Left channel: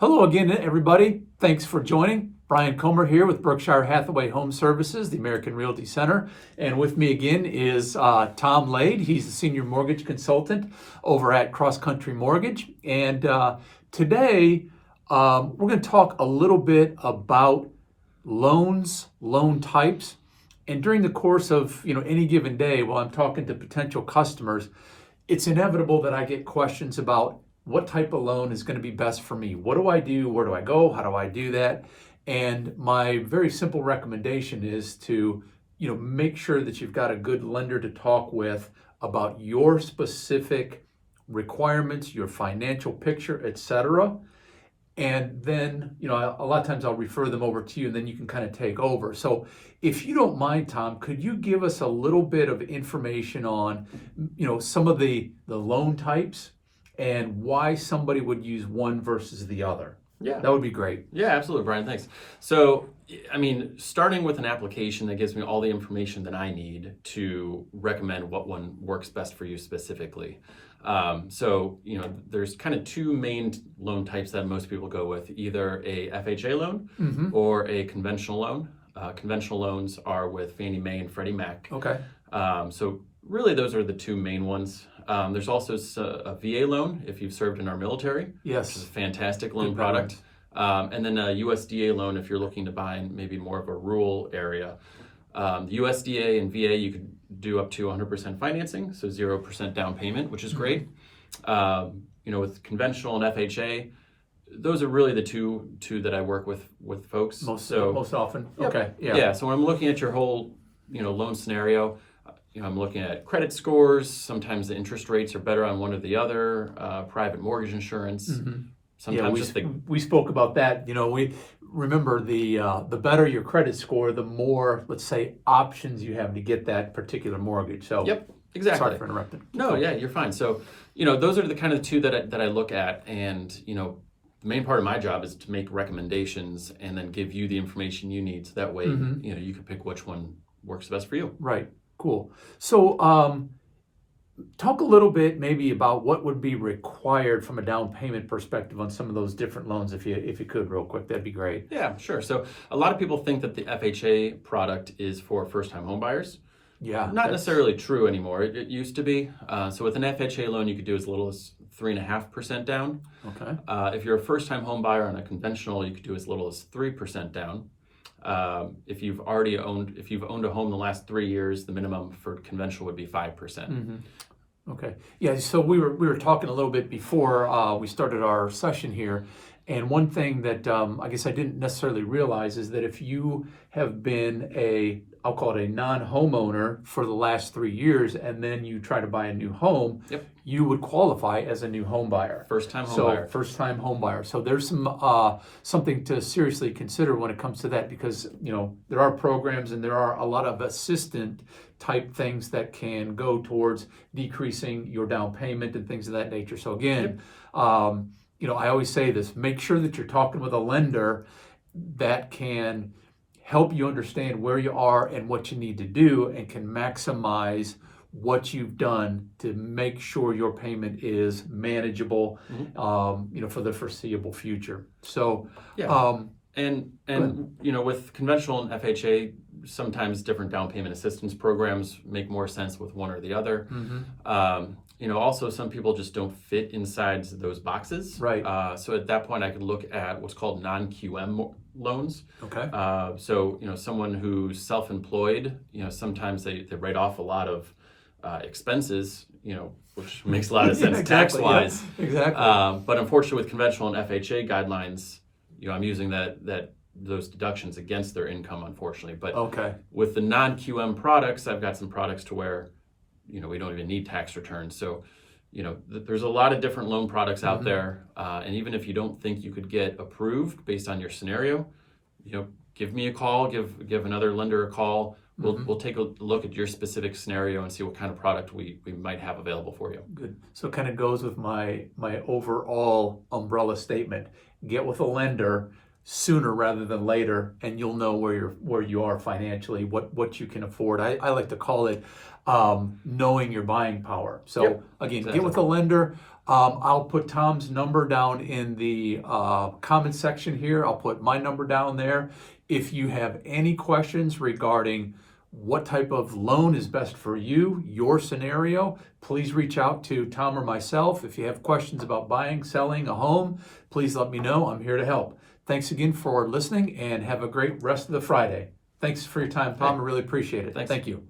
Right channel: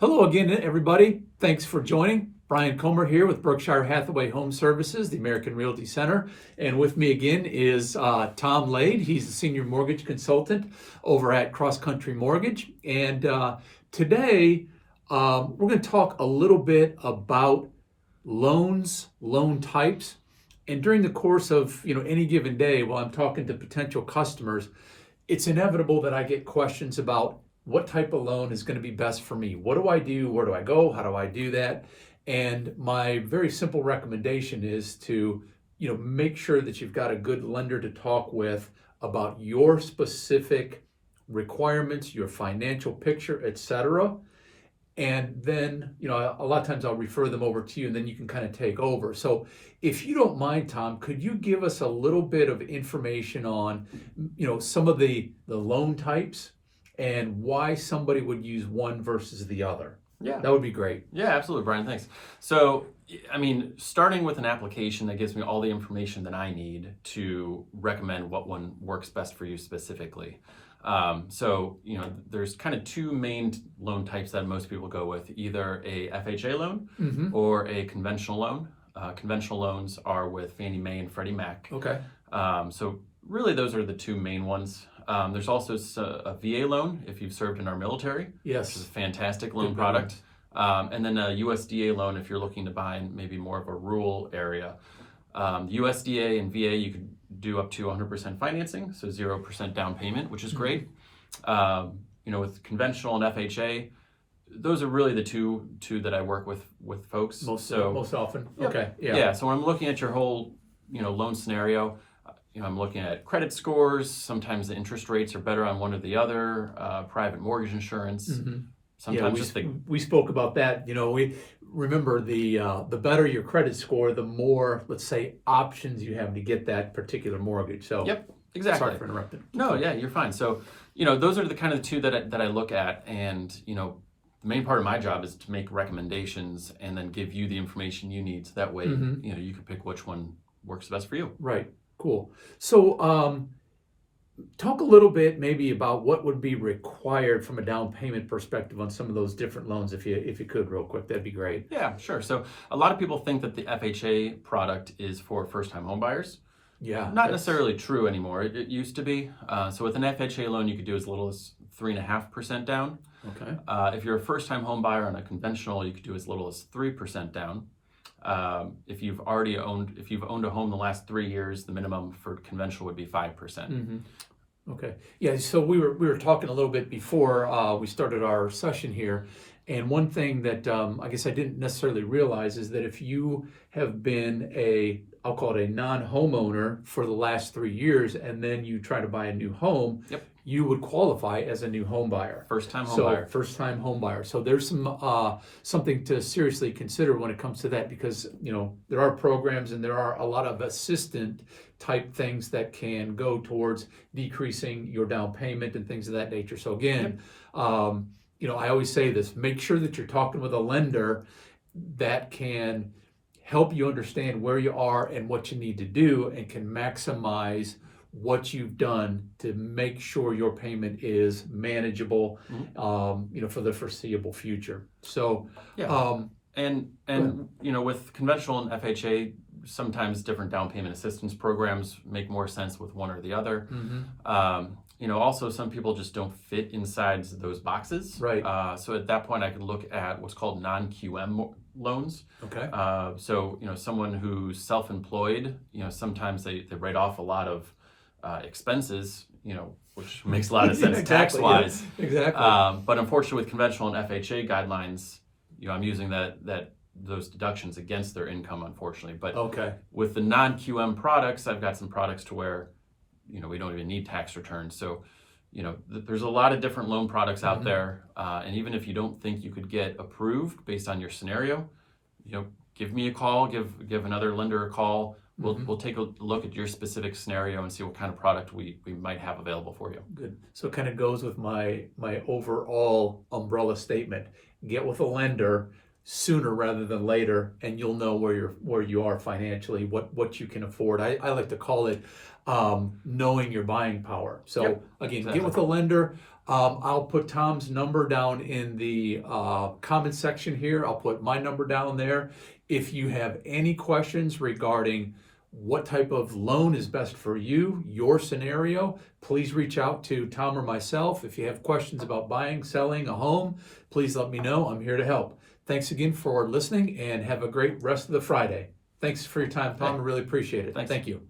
Hello again, everybody. Thanks for joining. Brian Comer here with Berkshire Hathaway Home Services, the American Realty Center. And with me again is Tom Lade. He's a senior mortgage consultant over at Cross Country Mortgage. And today we're going to talk a little bit about loans, loan types. And during the course of any given day, while I'm talking to potential customers, it's inevitable that I get questions about what type of loan is going to be best for me? What do I do? Where do I go? How do I do that? And my very simple recommendation is to, make sure that you've got a good lender to talk with about your specific requirements, your financial picture, etc. And then, a lot of times I'll refer them over to you and then you can kind of take over. So if you don't mind, Tom, could you give us a little bit of information on, some of the loan types and why somebody would use one versus the other? Yeah. That would be great. Yeah, absolutely, Brian. Thanks. So, starting with an application that gives me all the information that I need to recommend what one works best for you specifically. There's kind of two main loan types that most people go with, either a FHA loan or a conventional loan. Conventional loans are with Fannie Mae and Freddie Mac. Okay. So really those are the two main ones. There's also a VA loan if you've served in our military. Yes. Which is a fantastic loan product. And then a USDA loan if you're looking to buy in maybe more of a rural area. The USDA and VA, you could do up to 100% financing, so 0% down payment, which is great. With conventional and FHA, those are really the two that I work with folks. Most often. Yep. Okay. Yeah. So when I'm looking at your whole, loan scenario, I'm looking at credit scores. Sometimes the interest rates are better on one or the other. Private mortgage insurance. Sometimes we spoke about that. We remember the better your credit score, the more, let's say, options you have to get that particular mortgage. So yep, exactly. Sorry for interrupting. No, yeah, you're fine. So those are the kind of the two that I look at, and the main part of my job is to make recommendations and then give you the information you need, so that way you can pick which one works best for you. Right. Cool. So talk a little bit maybe about what would be required from a down payment perspective on some of those different loans, if you could real quick. That'd be great. Yeah, sure. So a lot of people think that the FHA product is for first-time home buyers. Yeah. Not necessarily true anymore. It used to be. So with an FHA loan, you could do as little as 3.5% down. Okay. If you're a first-time home buyer on a conventional, you could do as little as 3% down. If you've owned a home in the last 3 years, the minimum for conventional would be 5%. Okay. Yeah. So we were talking a little bit before we started our session here, and one thing that I guess I didn't necessarily realize is that if you have been I'll call it a non-homeowner for the last 3 years, and then you try to buy a new home, yep, you would qualify as a new home buyer. First-time home buyer. First-time home buyer. So there's something to seriously consider when it comes to that, because there are programs and there are a lot of assistant type things that can go towards decreasing your down payment and things of that nature. So again, yep. I always say this: make sure that you're talking with a lender that can help you understand where you are and what you need to do, and can maximize what you've done to make sure your payment is manageable, for the foreseeable future. So, yeah. With conventional and FHA, sometimes different down payment assistance programs make more sense with one or the other. Also, some people just don't fit inside those boxes. Right. So at that point, I could look at what's called non-QM loans. Okay. Someone who's self-employed, sometimes they write off a lot of expenses, which makes a lot of sense exactly, tax-wise. Yeah, exactly. But unfortunately, with conventional and FHA guidelines, I'm using those deductions against their income, unfortunately. But okay. With the non-QM products, I've got some products to where we don't even need tax returns. So, there's a lot of different loan products out there. And even if you don't think you could get approved based on your scenario, give me a call, give another lender a call. We'll take a look at your specific scenario and see what kind of product we might have available for you. Good. So it kind of goes with my overall umbrella statement. Get with a lender sooner rather than later, and you'll know where you are financially, what you can afford. I like to call it knowing your buying power. So Yep, again, exactly. Get with a lender. I'll put Tom's number down in the comment section here. I'll put my number down there. If you have any questions regarding what type of loan is best for you, your scenario, please reach out to Tom or myself. If you have questions about buying, selling a home, please let me know. I'm here to help. Thanks again for listening, and have a great rest of the Friday. Thanks for your time, Tom. I really appreciate it. Thanks. Thank you.